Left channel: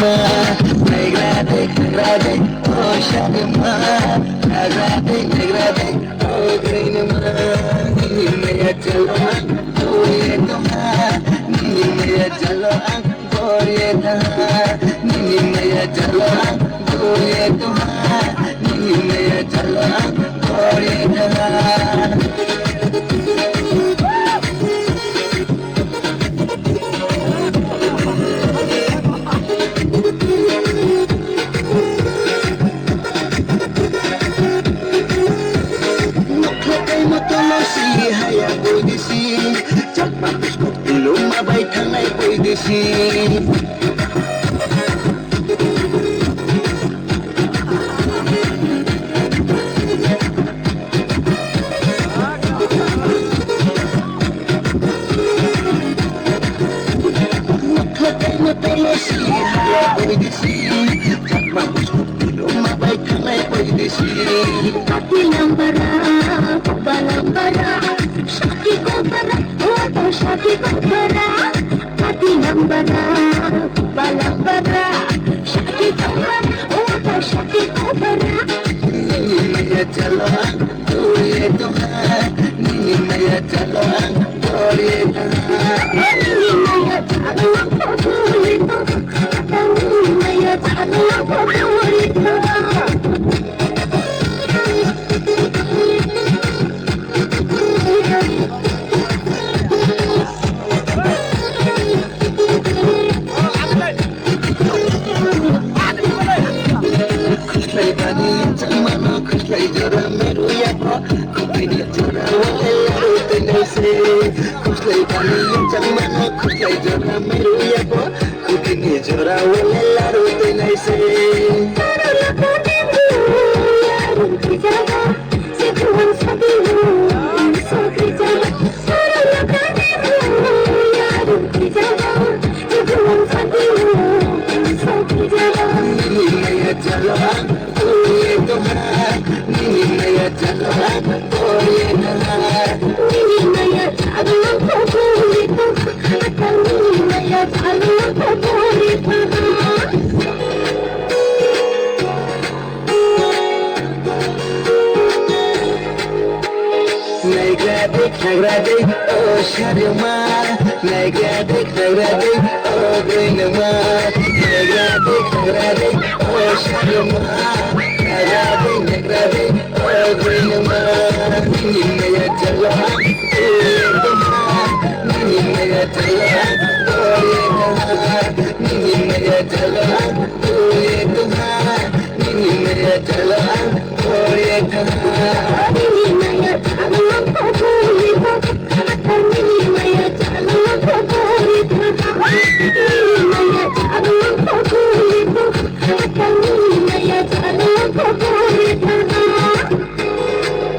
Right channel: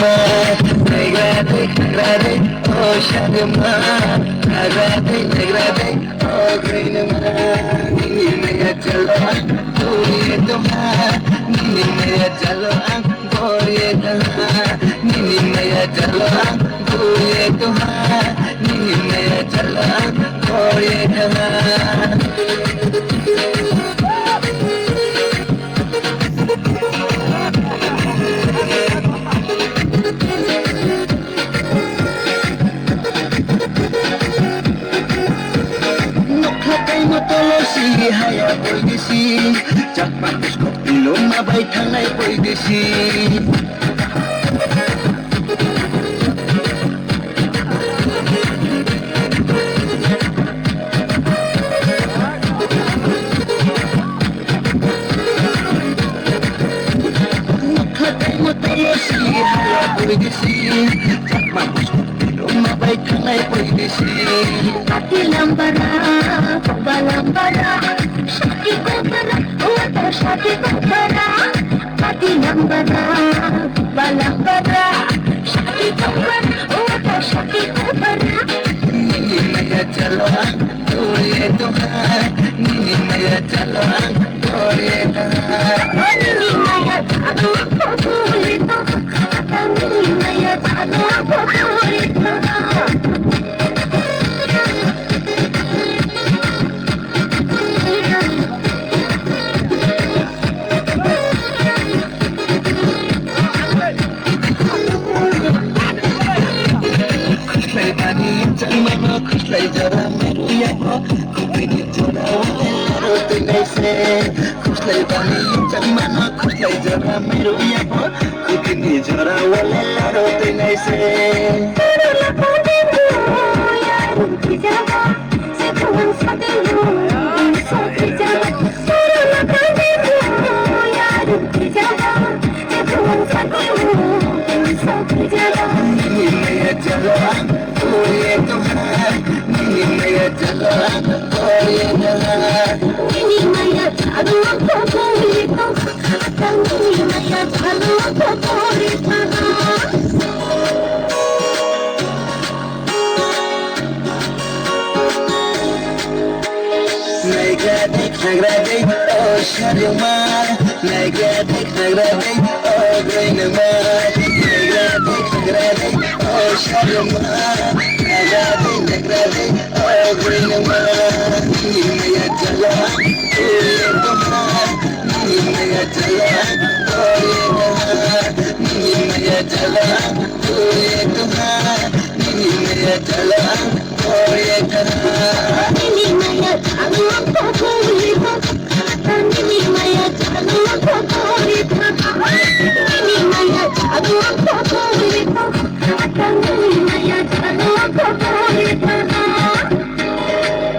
ma, nagrade, oh shade ma, nagrade, oh green ma, nini maya chalo ang goye tuma, nini maya chalo ang goye tuma, nini maya chalo ang goye tuma, nini maya chalo ang goye tuma. Haya boy desi, cak bagus kok belum abai kanai boy desi. Nakatai motolosi, haya boy desi, cak bagus kok belum abai kanai boy desi. Hati yang bara, balang bara. Shaki bara, hati yang bara, balang bara, shaki bara, shaki bara. Nini maya jalan, goye Tuhan. Nini maya jalan, goye Tuhan. Nini maya jalan, goye Tuhan. Nini maya jalan, goye Tuhan. Kuslay jara meru ya, kupini jara walero tenai se. Kuslay bani jang mana, kuslay jara meru ya, kupini jara walero tenai se. Nini maya jalan, goye Tuhan. Nini maya jalan, goye Tuhan. Nini maya jalan, goye Tuhan. Nini maya jalan, goye Tuhan. Nagrade, oh shade ma, nagrade, oh green ma, nagrade, oh shade ma.